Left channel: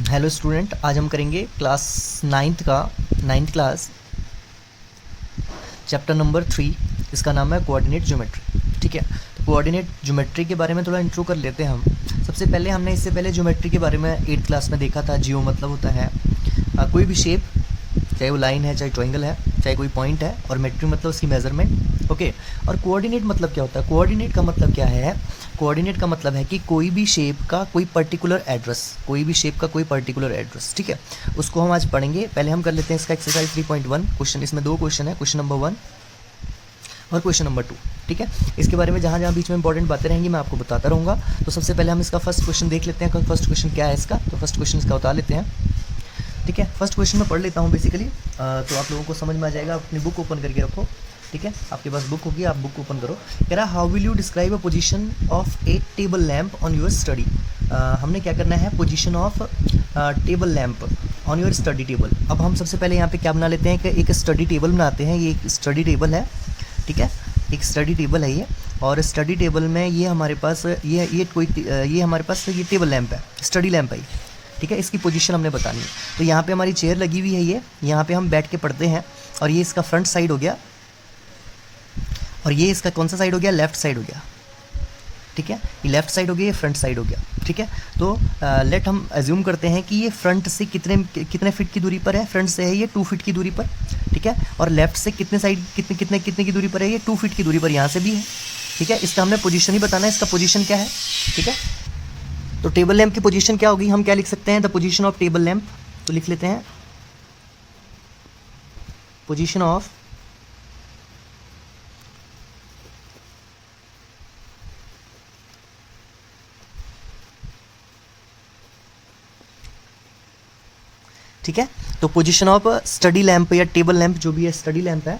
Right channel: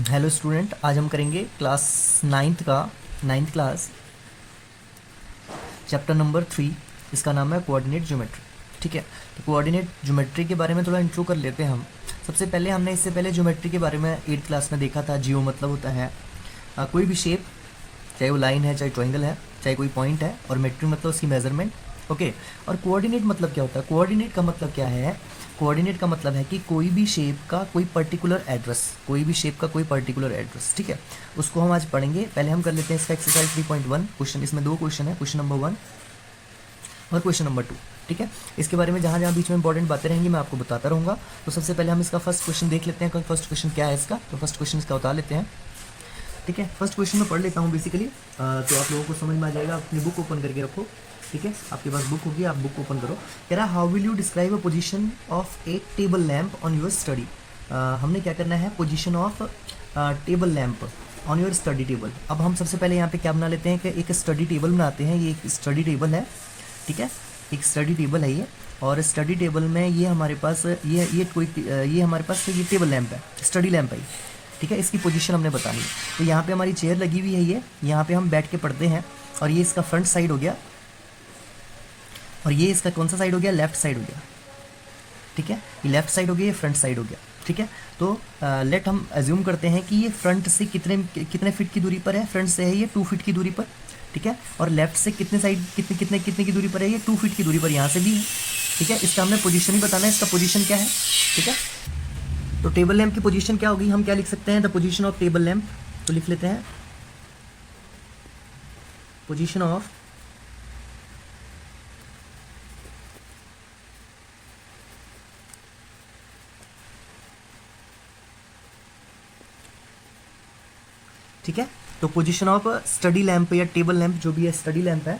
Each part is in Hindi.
हेलो स्टूडेंट, आज हम करेंगे class ninth class chapter number 3। इसका नाम है कोऑर्डिनेट ज्योमेट्री। ठीक है, तो कोऑर्डिनेट ज्योमेट्री के बारे में थोड़ा इंट्रो कर लेते हैं हम। सबसे पहले हमने इससे पहले ज्योमेट्री के बारे में 8th क्लास में देखा था। जियो मतलब होता है कोई भी शेप, चाहे वो लाइन है, चाहे ट्रायंगल है, चाहे कोई पॉइंट है, और मेट्री मतलब उसकी मेजरमेंट। ओके, और कोऑर्डिनेट मतलब क्या होता है? कोऑर्डिनेट का मतलब क्या है? कोऑर्डिनेट का मतलब है कि कोई भी शेप का कोई पर्टिकुलर एड्रेस, कोई भी शेप का कोई पर्टिकुलर एड्रेस। ठीक है, उसको हम आज पढ़ेंगे। पहले हम कर लेते हैं इसका एक्सरसाइज 3.1 क्वेश्चन। इसमें 2 क्वेश्चन है, क्वेश्चन नंबर 1 और क्वेश्चन नंबर 2। ठीक है, इसके बारे में जहाँ जहाँ बीच में इंपॉर्टेंट बातें रहेंगी मैं आपको बताता रहूँगा। तो सबसे पहले हम इसका फर्स्ट क्वेश्चन देख लेते हैं। फर्स्ट क्वेश्चन क्या है इसका? तो फर्स्ट क्वेश्चन इसका बता लेते हैं। ठीक है, फर्स्ट क्वेश्चन मैं पढ़ लेता हूँ बेसिकली, तो आप लोगों को समझ में आ जाएगा। अपनी बुक ओपन करके रखो। ठीक है, आपके पास बुक होगी, आप बुक ओपन करो। कह रहा how will you describe a position of A table lamp on your study. हमने क्या करना है? Position of table lamp on your study table. अब हम सबसे पहले यहाँ पे क्या बना लेते हैं कि एक स्टडी टेबल बनाते हैं। ये एक स्टडी टेबल है। ठीक है, एक स्टडी टेबल है ये, और स्टडी टेबल में ये हमारे पास ये हमारे पास ये टेबल लैम्प है, स्टडी लैम्प है। ठीक है, इसकी पोजीशन हमने बतानी है। तो यहाँ पे हमारी चेयर लगी हुई है, ये यहाँ पे हम बैठ के पढ़ते हैं, और ये इसका फ्रंट साइड हो गया, और ये इसका कौन सा साइड हो गया? लेफ्ट साइड हो गया। ठीक है, ये लेफ्ट साइड हो गया, ये फ्रंट साइड हो गया। ठीक है, तो लेट हम एज्यूम करते हैं कि ये फ्रंट से कितने फीट की दूरी पर है? फ्रंट से है ये 2 फीट की दूरी पर। ठीक है, और लेफ्ट से कितने की दूरी पर है? ये 2 फीट की दूरी पर यहाँ से भी है। ठीक है, इसका हमने पोजीशन ही बताना है, इसका पोजीशन क्या है। ठीक है, तो टेबल लैम्प की पोजीशन क्या होगी? हम क्या लिख सकते हैं? The position of table lamp. तो लिख लेते हैं पोजीशन ऑफ ठीक है, तो पोजीशन ऑफ स्टडी लैम्प या टेबल लैम्प, जो भी है, स्टडी लैम्प है,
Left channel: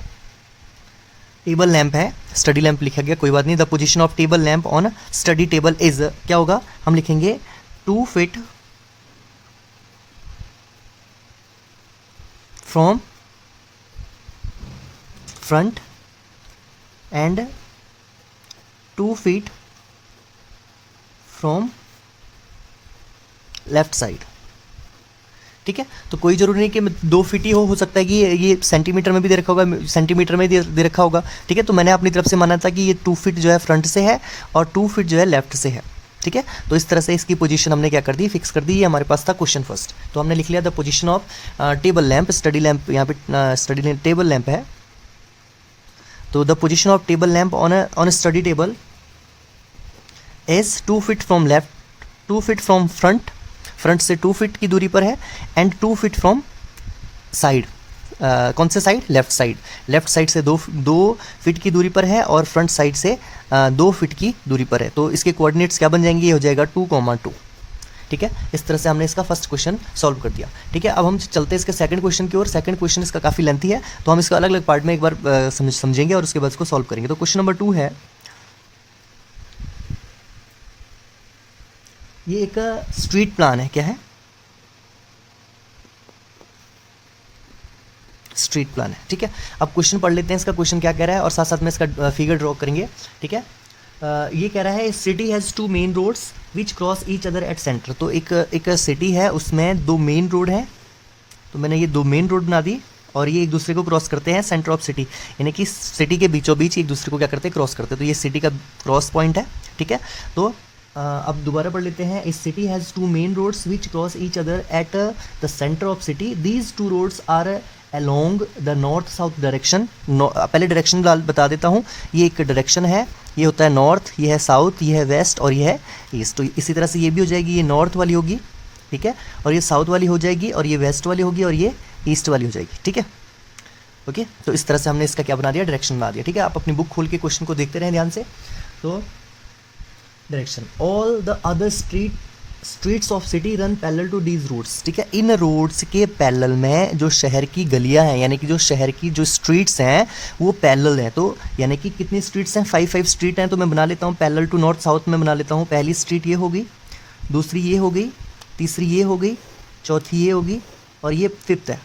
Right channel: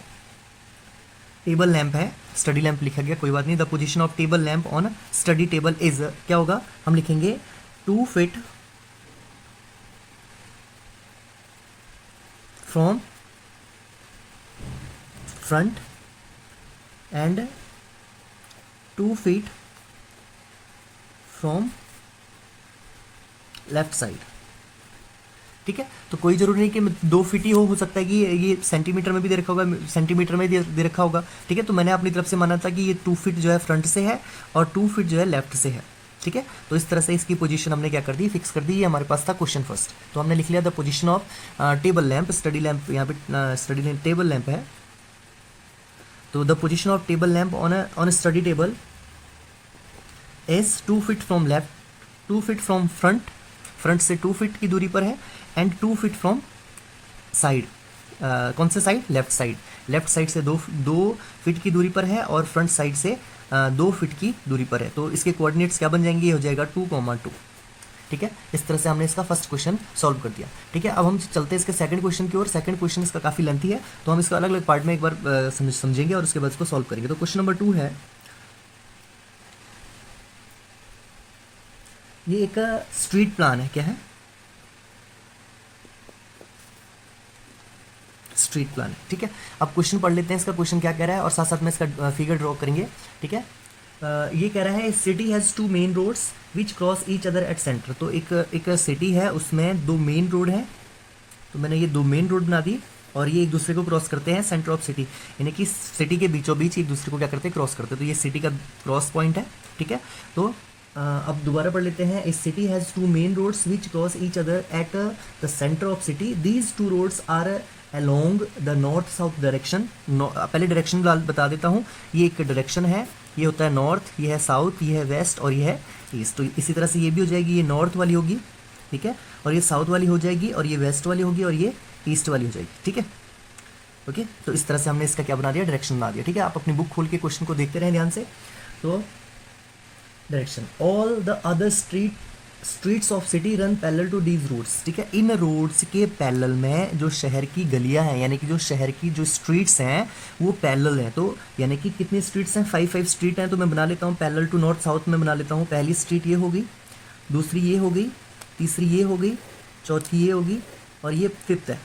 टेबल लैम्प है, स्टडी लैम्प लिखा गया, कोई बात नहीं। The position of table lamp on study table is, क्या होगा? हम लिखेंगे 2 feet from front end 2 feet from left side. ठीक है, तो कोई जरूरी नहीं कि 2 फीट ही हो सकता है कि ये सेंटीमीटर में भी दे रखा होगा, सेंटीमीटर में दे रखा होगा। ठीक है, तो मैंने अपनी तरफ से माना था कि ये 2 फीट जो है फ्रंट से है और 2 फीट जो है लेफ्ट से है। ठीक है, तो इस तरह से इसकी पोजीशन हमने क्या कर दी? फिक्स कर दी। ये हमारे पास था क्वेश्चन फर्स्ट। तो हमने लिख लिया the position of table lamp, study lamp, यहाँ पे स्टडी टेबल लैम्प है। तो the position of table lamp on study table is 2 feet from left, 2 feet from front से 2 फीट की दूरी पर है, एंड 2 फीट फ्रॉम साइड, कौन से side? Left side. Left side से 2 फीट की दूरी पर है, और फ्रंट साइड से 2 फीट की दूरी पर है। तो इसके कोऑर्डिनेट्स क्या बन जाएंगे? ये हो जाएगा 2,2। ठीक है, इस तरह से हमने इसका फर्स्ट क्वेश्चन सॉल्व कर दिया। ठीक है, अब हम चलते हैं इसके सेकंड क्वेश्चन की ओर। सेकंड क्वेश्चन इसका काफ़ी लेंथी है, तो हम इसका अलग अलग पार्ट में एक बार समझेंगे, और उसके बाद इसको सॉल्व करेंगे। तो क्वेश्चन नंबर 2 है, ये एक स्ट्रीट प्लान है। क्या है? स्ट्रीट प्लान है। ठीक है, अब क्वेश्चन पढ़ लेते हैं, इसका क्वेश्चन क्या कह रहा है, और साथ साथ में इसका फिगर ड्रॉ करेंगे। ठीक है, ये कह रहा है city has 2 main roads which cross each other at centre. तो एक सिटी है, उसमें 2 मेन रोड हैं। तो मैंने ये 2 मेन रोड बना दी, और ये एक दूसरे को क्रॉस करते हैं सेंटर ऑफ सिटी, यानी कि सिटी के बीचों बीच एक दूसरे को क्या करते हैं? क्रॉस करते हैं। तो ये सिटी का क्रॉस पॉइंट है। ठीक है, तो अब दोबारा पढ़ लेते हैं। इस city has 2 main roads which cross each other at the centre of city. These 2 roads are along the north south direction. पहले डायरेक्शन बता देता हूँ। ये एक डायरेक्शन है, ये होता है नॉर्थ, ये है साउथ, ये है वेस्ट, और ये है ईस्ट। तो इसी तरह से ये भी हो जाएगी, ये नॉर्थ वाली होगी, ठीक है, और ये साउथ वाली हो जाएगी, और ये वेस्ट वाली होगी, और ये ईस्ट वाली हो जाएगी। ठीक है, ओके, तो इस तरह से हमने इसका क्या बना दिया? डायरेक्शन बना दिया। ठीक है, आप अपनी बुक खोल के क्वेश्चन को देखते रहें ध्यान से। तो direction, all the other streets of city run parallel to these routes. ठीक है, इन रोड्स के पैरेलल में जो शहर की गलियां हैं, यानी कि जो शहर की जो स्ट्रीट्स हैं वो पैरेलल हैं। तो यानी कि कितनी स्ट्रीट्स हैं? 5 स्ट्रीट हैं। तो मैं बना लेता हूँ पैरेलल टू नॉर्थ साउथ में बना लेता हूँ। पहली स्ट्रीट ये हो गई, दूसरी ये हो गई, तीसरी ये हो गई, चौथी ये होगी, और ये 5th है।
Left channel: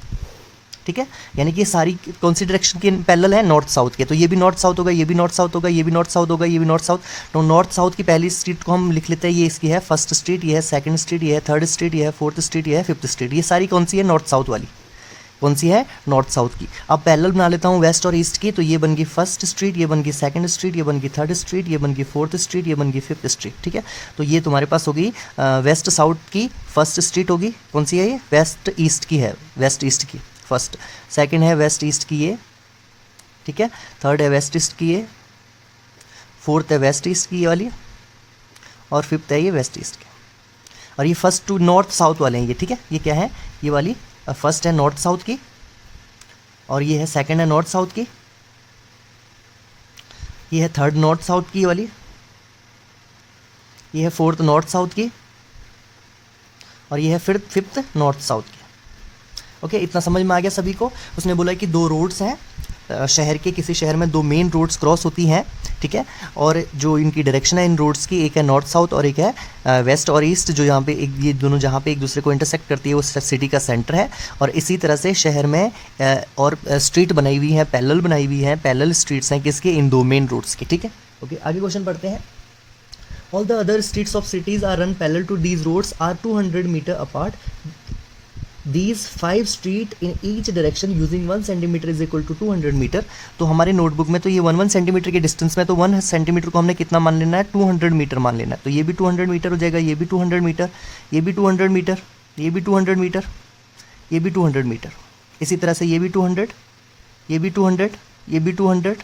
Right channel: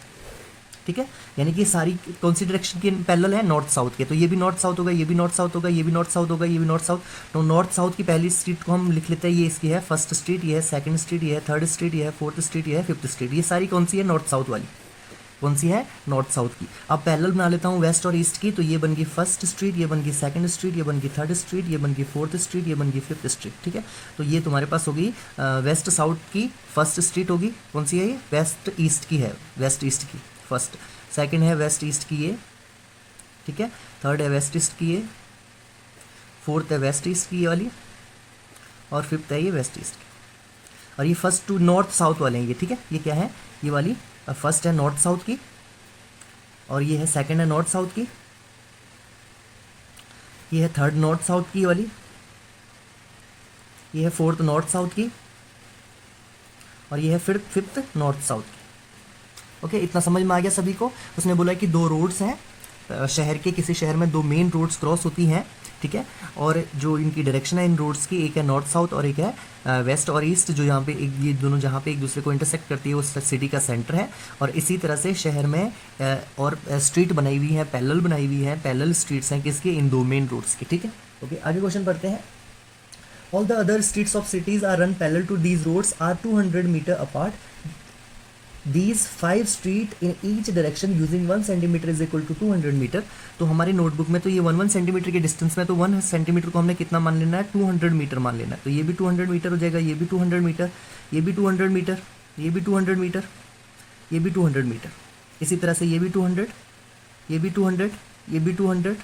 ठीक है, यानी कि सारी कौन सी डायरेक्शन के पैरेलल है, नॉर्थ साउथ के, तो ये भी नॉर्थ साउथ होगा, ये भी नॉर्थ साउथ होगा, ये भी नॉर्थ साउथ होगा, ये भी नॉर्थ साउथ। तो नॉर्थ साउथ की पहली स्ट्रीट को हम लिख लेते हैं, ये इसकी है फर्स्ट स्ट्रीट, ये है सेकंड स्ट्रीट, ये है थर्ड स्ट्रीट, ये है फोर्थ स्ट्रीट, ये है फिफ्थ स्ट्रीट। ये सारी कौन सी है, नॉर्थ साउथ वाली, कौन सी है, नॉर्थ साउथ की। अब पैरेलल बना लेता हूँ वेस्ट और ईस्ट की, तो ये बन गई फर्स्ट स्ट्रीट, ये बन गई सेकंड स्ट्रीट, ये बन गई थर्ड स्ट्रीट, ये बन गई फोर्थ स्ट्रीट, ये बन गई फिफ्थ स्ट्रीट। ठीक है, तो ये तुम्हारे पास होगी वेस्ट साउथ की फर्स्ट स्ट्रीट होगी, कौन सी है ये, वेस्ट ईस्ट की है, वेस्ट ईस्ट की फर्स्ट, सेकंड है वेस्ट ईस्ट की ये, ठीक है, थर्ड है वेस्ट ईस्ट की ये, फोर्थ है वेस्ट ईस्ट की ये वाली, और फिफ्थ है ये वेस्ट ईस्ट की। और ये फर्स्ट टू नॉर्थ साउथ वाले हैं ये, ठीक है, ये क्या है, ये वाली फर्स्ट है नॉर्थ साउथ की, और ये है सेकंड है नॉर्थ साउथ की, ये है थर्ड नॉर्थ साउथ की वाली, ये है फोर्थ नॉर्थ साउथ की, और ये है फिफ्थ नॉर्थ साउथ की। ओके, इतना समझ में आ गया सभी को। उसने बोला कि दो रोड्स हैं शहर के, किसी शहर में दो मेन रोड्स क्रॉस होती हैं, ठीक है, और जो इनकी डायरेक्शन है इन रोड्स की, एक है नॉर्थ साउथ और एक है वेस्ट और ईस्ट, जो यहाँ पे एक, ये दोनों जहाँ पे एक दूसरे को इंटरसेक्ट करती है वो सिटी का सेंटर है। और इसी तरह से शहर में और स्ट्रीट बनाई हुई है, पैरेलल बनाई हुई है, पैरेलल स्ट्रीट्स हैं किसके, इन दो मेन रोड्स की। ठीक है, ओके, आगे क्वेश्चन पढ़ते हैं। All the other streets of cities are run parallel to these roads are 200 metre apart, These 5 street in each direction using 1 centimeter is equal to 200 metre. तो हमारी नोटबुक में तो ये 1 सेंटीमीटर के डिस्टेंस में, तो 1 सेंटीमीटर को हमने कितना मान लेना है, 200 मीटर मान लेना है। तो ये भी 200 मीटर हो जाएगा, ये भी 200 मीटर, ये भी 200 मीटर, ये भी 200 मीटर, ये भी 200 मीटर, इसी तरह से ये भी 200, ये भी 200, ये भी 200,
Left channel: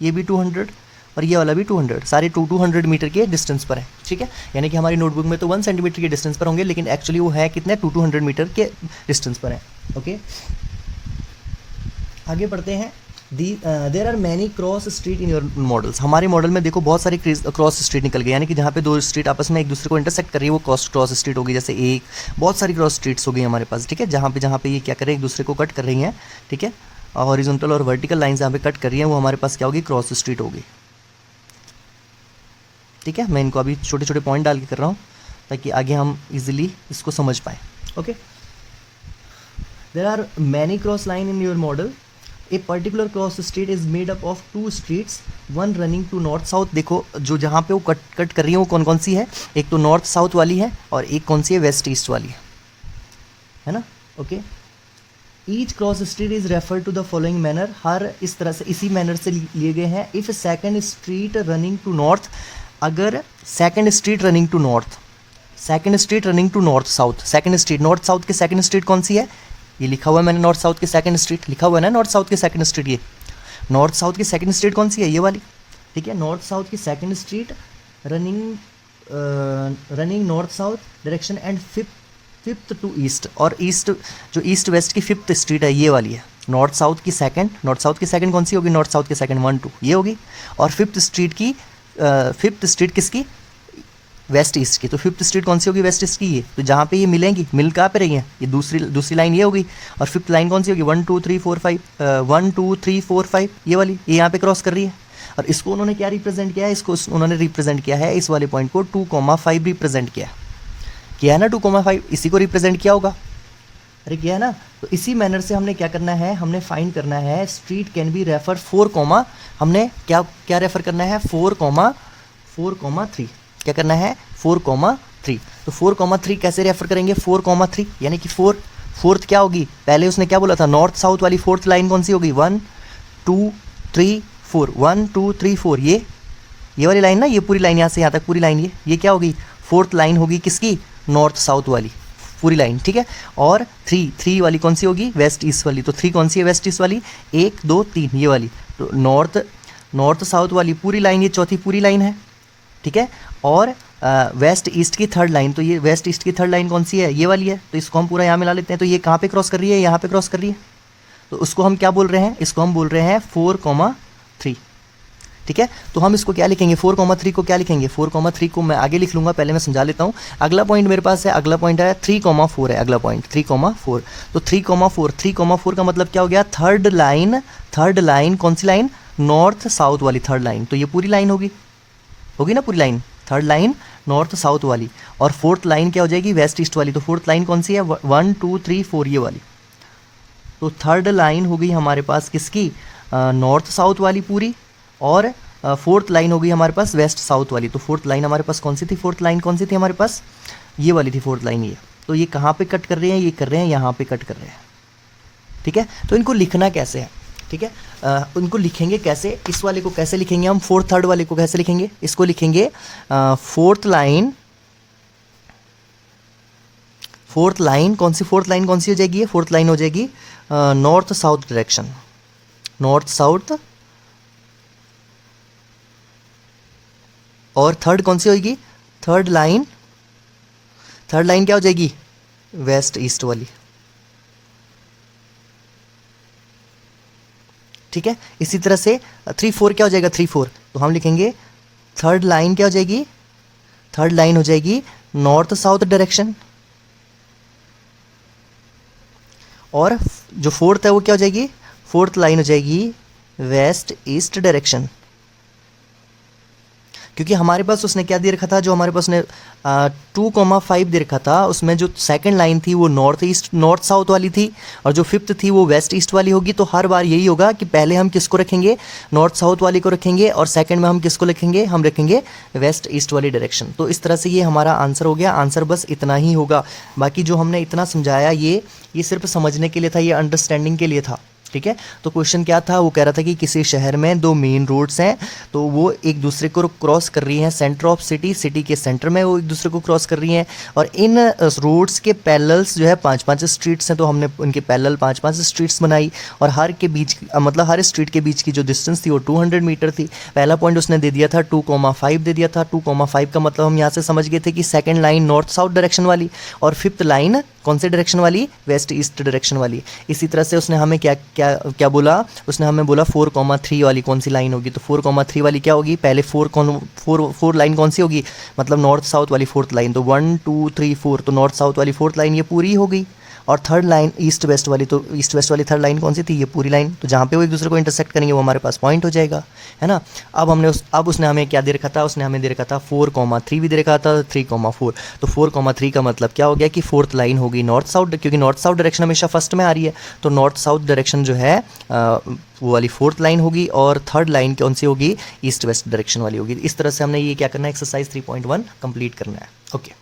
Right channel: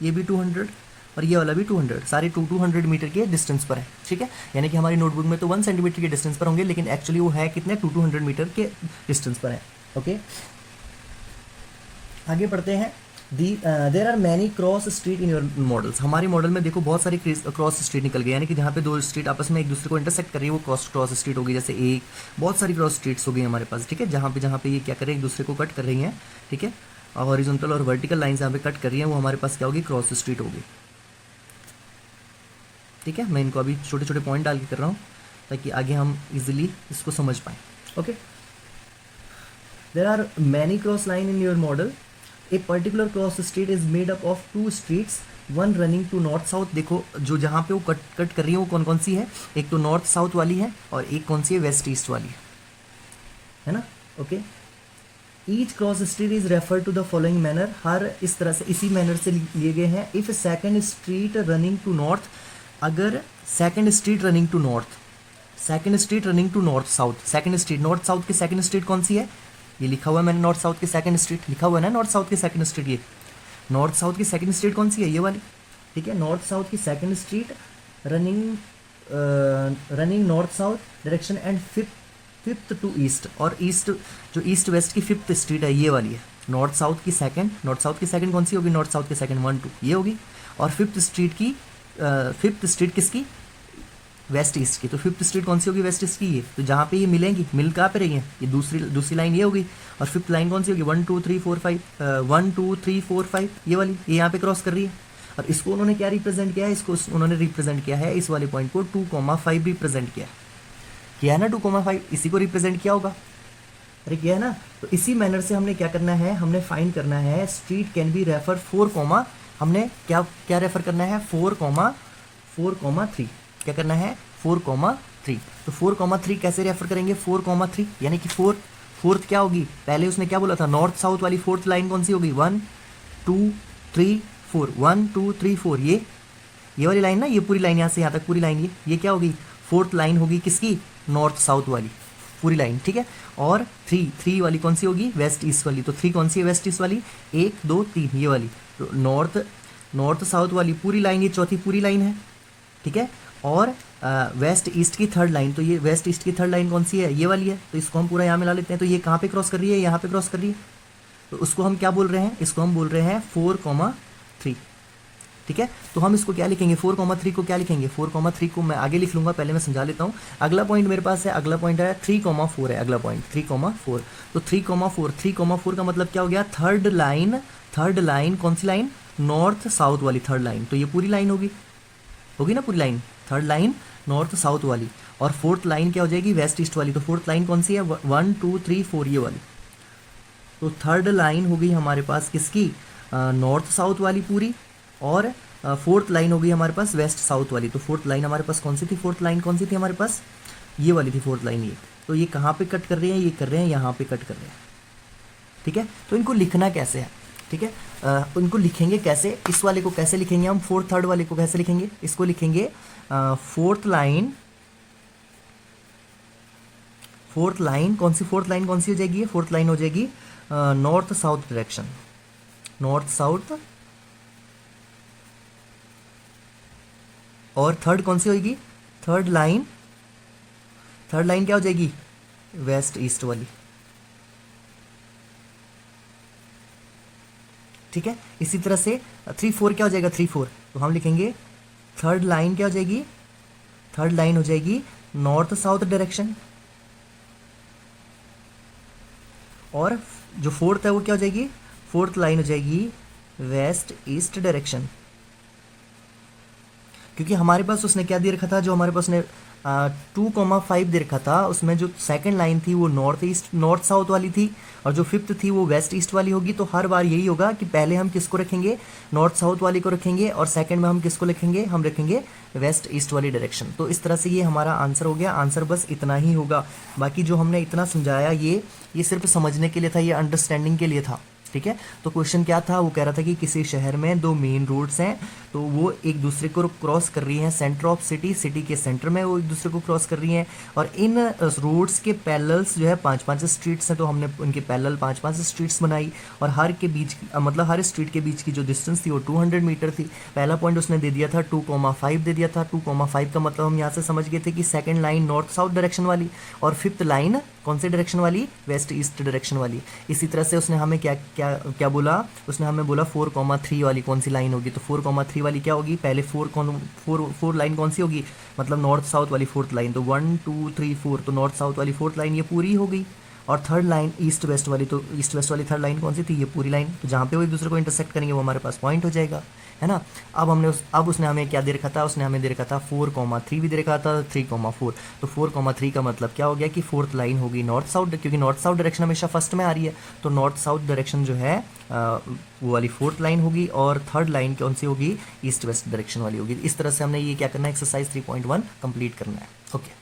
ये भी 200, और ये वाला भी 200, सारे 200 मीटर के डिस्टेंस पर है। ठीक है, यानी कि हमारी नोटबुक में तो 1 सेंटीमीटर के डिस्टेंस पर होंगे, लेकिन एक्चुअली वो है कितने, 200 मीटर के डिस्टेंस पर है। ओके, आगे पढ़ते हैं। There are many cross street in your models. हमारे मॉडल में देखो बहुत सारी क्रॉस स्ट्रीट निकल गई, यानी कि जहाँ पे दो स्ट्रीट आपस में एक दूसरे को इंटरसेक्ट कर रही है वो क्रॉस स्ट्रीट होगी। जैसे एक, बहुत सारी क्रॉस स्ट्रीट्स हो गई हमारे पास। ठीक है, जहाँ पे ये क्या कर रहे हैं, एक दूसरे को कट कर रही हैं। ठीक है, हॉरिजॉन्टल और वर्टिकल लाइन जहाँ पे कट कर रही हैं वो हमारे पास क्या होगी, क्रॉस स्ट्रीट होगी। ठीक है, मैं इनको अभी छोटे छोटे पॉइंट डाल के कर रहा हूँ ताकि आगे हम इजीली इसको समझ पाएँ। Okay, there are many cross line in your model. A particular cross street is made up of 2 streets, one running to north south. देखो जो जहाँ पे वो कट कर रही है वो कौन कौन सी है, एक तो नॉर्थ साउथ वाली है और एक कौन सी है, वेस्ट ईस्ट वाली है ना। Okay, each cross street is refer to the following manner. हर इस तरह से इसी मैनर से लिए गए हैं। If second street running to north, अगर second street running to north, second street running to north south, second street north south की सेकंड स्ट्रीट कौन सी है, ये लिखा हुआ है मैंने, नॉर्थ साउथ की सेकंड स्ट्रीट लिखा हुआ है ना, नॉर्थ साउथ की सेकंड स्ट्रीट, ये नॉर्थ साउथ की सेकंड स्ट्रीट कौन सी है, ये वाली। ठीक है, नॉर्थ साउथ की second street running north south direction and fifth to east, और ईस्ट जो ईस्ट वेस्ट की फिफ्थ स्ट्रीट है ये वाली है। नॉर्थ साउथ की सेकंड कौन सी होगी, नॉर्थ साउथ की सेकंड 1 2 ये होगी, और फिफ्थ स्ट्रीट किसकी, वेस्ट ईस्ट की। तो फिफ्थ स्ट्रीट कौन सी होगी, वेस्ट ईस्ट की ये। तो जहाँ पे ये मिलेंगी, मिल कहाँ पे रही हैं, ये दूसरी लाइन ये होगी, और फिफ्थ लाइन कौन सी होगी, 1 2 3 4 5 1 2 3 4 5 ये वाली, ये यहाँ पे क्रॉस कर रही है। और इसको उन्होंने क्या रिप्रेजेंट किया है, इसको उन्होंने रिप्रेजेंट किया है, इस वाले पॉइंट को 2,5 रिप्रेजेंट किया है ना, 2,5 इसी को रिप्रेजेंट किया होगा, अरे किया है ना। तो इसी मैनर से हमने क्या करना है, हमने फाइंड करना है स्ट्रीट कैन बी रेफर 4, हमने क्या रेफर करना है, 4,3 क्या करना है, 4,3। तो 4,3 कैसे रेफर करेंगे, 4,3 यानी कि फोर्थ क्या होगी, पहले उसने क्या बोला था, नॉर्थ साउथ वाली फोर्थ लाइन कौन सी होगी, 1 2 3 4 1 2 3 4 ये वाली लाइन ना, ये पूरी लाइन यहाँ से यहाँ तक पूरी लाइन, ये क्या होगी, फोर्थ लाइन होगी किसकी, नॉर्थ साउथ वाली पूरी लाइन। ठीक है, और 3 वाली कौन सी होगी, वेस्ट ईस्ट वाली। तो 3 कौन सी है, वेस्ट ईस्ट वाली, 1 2 3 ये वाली। तो नॉर्थ साउथ वाली पूरी लाइन, ये चौथी पूरी लाइन है। ठीक है, और वेस्ट ईस्ट की थर्ड लाइन, तो ये वेस्ट ईस्ट की थर्ड लाइन कौन सी है, ये वाली है। तो इसको हम पूरा यहाँ मिला लेते हैं। तो ये कहाँ पे क्रॉस कर रही है, यहाँ पे क्रॉस कर रही है। तो उसको हम क्या बोल रहे हैं, इसको हम बोल रहे हैं 4,3। ठीक है, तो हम इसको क्या लिखेंगे, 4,3 को क्या लिखेंगे, 4,3 को मैं आगे लिख लूँगा, पहले मैं समझा लेता हूँ। अगला पॉइंट मेरे पास है, अगला पॉइंट है 3,4 है, अगला पॉइंट 3,4। तो 3,4 का मतलब क्या हो गया, थर्ड लाइन कौन सी लाइन, नॉर्थ साउथ वाली थर्ड लाइन। तो ये पूरी लाइन होगी ना, पूरी line, third line north south वाली, और फोर्थ लाइन क्या हो जाएगी, वेस्ट ईस्ट वाली। तो फोर्थ लाइन कौन सी है, 1 2 3 4 ये वाली। तो थर्ड लाइन हो गई हमारे पास किसकी, नॉर्थ साउथ वाली पूरी, और फोर्थ लाइन हो गई हमारे पास वेस्ट साउथ वाली। तो फोर्थ लाइन हमारे पास कौन सी थी, फोर्थ लाइन कौन सी थी हमारे पास, ये वाली थी फोर्थ लाइन ये। तो ये कहाँ पे कट कर रहे हैं, ये कर रहे हैं यहाँ पे कट कर रहे हैं, ठीक है। तो इनको लिखना कैसे है, ठीक है, उनको लिखेंगे कैसे, इस वाले को कैसे लिखेंगे हम, फोर्थ थर्ड वाले को कैसे लिखेंगे, इसको लिखेंगे फोर्थ लाइन, फोर्थ लाइन कौन सी, फोर्थ लाइन कौन सी हो जाएगी, ये फोर्थ लाइन हो जाएगी north south direction, north south. और थर्ड कौन सी होगी, थर्ड लाइन, थर्ड लाइन क्या हो जाएगी, वेस्ट ईस्ट वाली, ठीक है। इसी तरह से 3-4 क्या हो जाएगा, 3-4, तो हम लिखेंगे थर्ड लाइन क्या हो जाएगी, थर्ड लाइन हो जाएगी नॉर्थ साउथ डायरेक्शन, और जो फोर्थ है वो क्या हो जाएगी, फोर्थ लाइन हो जाएगी वेस्ट ईस्ट डायरेक्शन। क्योंकि हमारे पास उसने क्या दे रखा था, जो हमारे पास उसने 2,5 दे रखा था, उसमें जो सेकंड लाइन थी वो नॉर्थ ईस्ट नॉर्थ साउथ वाली थी, और जो फिफ्थ थी वो वेस्ट ईस्ट वाली होगी। तो हर बार यही होगा कि पहले हम किसको रखेंगे, नॉर्थ साउथ वाली को रखेंगे, और सेकंड में हम किसको लिखेंगे, हम रखेंगे वेस्ट ईस्ट वाली डायरेक्शन। तो इस तरह से ये हमारा आंसर हो गया, आंसर बस इतना ही होगा। बाकी जो हमने इतना समझाया ये सिर्फ समझने के लिए था, ये अंडरस्टैंडिंग के लिए था, ठीक है। तो क्वेश्चन क्या था, वो कह रहा था कि किसी शहर में 2 मेन रोड्स हैं, तो वो एक दूसरे को क्रॉस कर रही हैं, सेंटर ऑफ सिटी, सिटी के सेंटर में वो एक दूसरे को क्रॉस कर रही हैं, और इन रोड्स के पैरेलल्स जो है 5-5 स्ट्रीट्स हैं, तो हमने उनके पैरेलल 5-5 स्ट्रीट्स बनाई, और हर के बीच मतलब हर स्ट्रीट के बीच की जो डिस्टेंस थी वो 200 मीटर थी। पहला पॉइंट उसने दे दिया था 2,5 दे दिया था। 2,5 का मतलब हम यहाँ से समझ गए थे कि second line north south direction वाली, और फिफ्थ लाइन कौन से डायरेक्शन वाली, वेस्ट ईस्ट डायरेक्शन वाली। इसी तरह से उसने हमें क्या क्या क्या बोला, उसने हमें बोला 4,3 वाली कौन सी लाइन होगी। तो 4,3 वाली क्या होगी, पहले 4 लाइन कौन सी होगी, मतलब नॉर्थ साउथ वाली फोर्थ लाइन। तो 1 2 3 4, तो नॉर्थ साउथ वाली फोर्थ लाइन ये पूरी हो गई। और थर्ड लाइन ईस्ट वेस्ट वाली, तो ईस्ट वेस्ट वाली थर्ड लाइन कौन सी थी, ये पूरी लाइन। तो जहाँ पे वो एक दूसरे को इंटरसेक्ट करेंगे वो हमारे पास पॉइंट हो जाएगा, है ना। अब उसने हमें क्या दे रखा था, उसने हमें दे रखा था 4,3 भी दे रखा था, 3,4। तो 4,3 का मतलब क्या हो गया कि फोर्थ लाइन होगी नॉर्थ साउथ, क्योंकि नॉर्थ साउथ डायरेक्शन हमेशा फर्स्ट में आ रही है। तो नॉर्थ साउथ डायरेक्शन जो है वो वाली फोर्थ लाइन होगी, और थर्ड लाइन कौन सी होगी, ईस्ट वेस्ट डायरेक्शन वाली होगी। इस तरह से हमने ये क्या करना है, एक्सरसाइज 3.1 कंप्लीट करना है। ओके।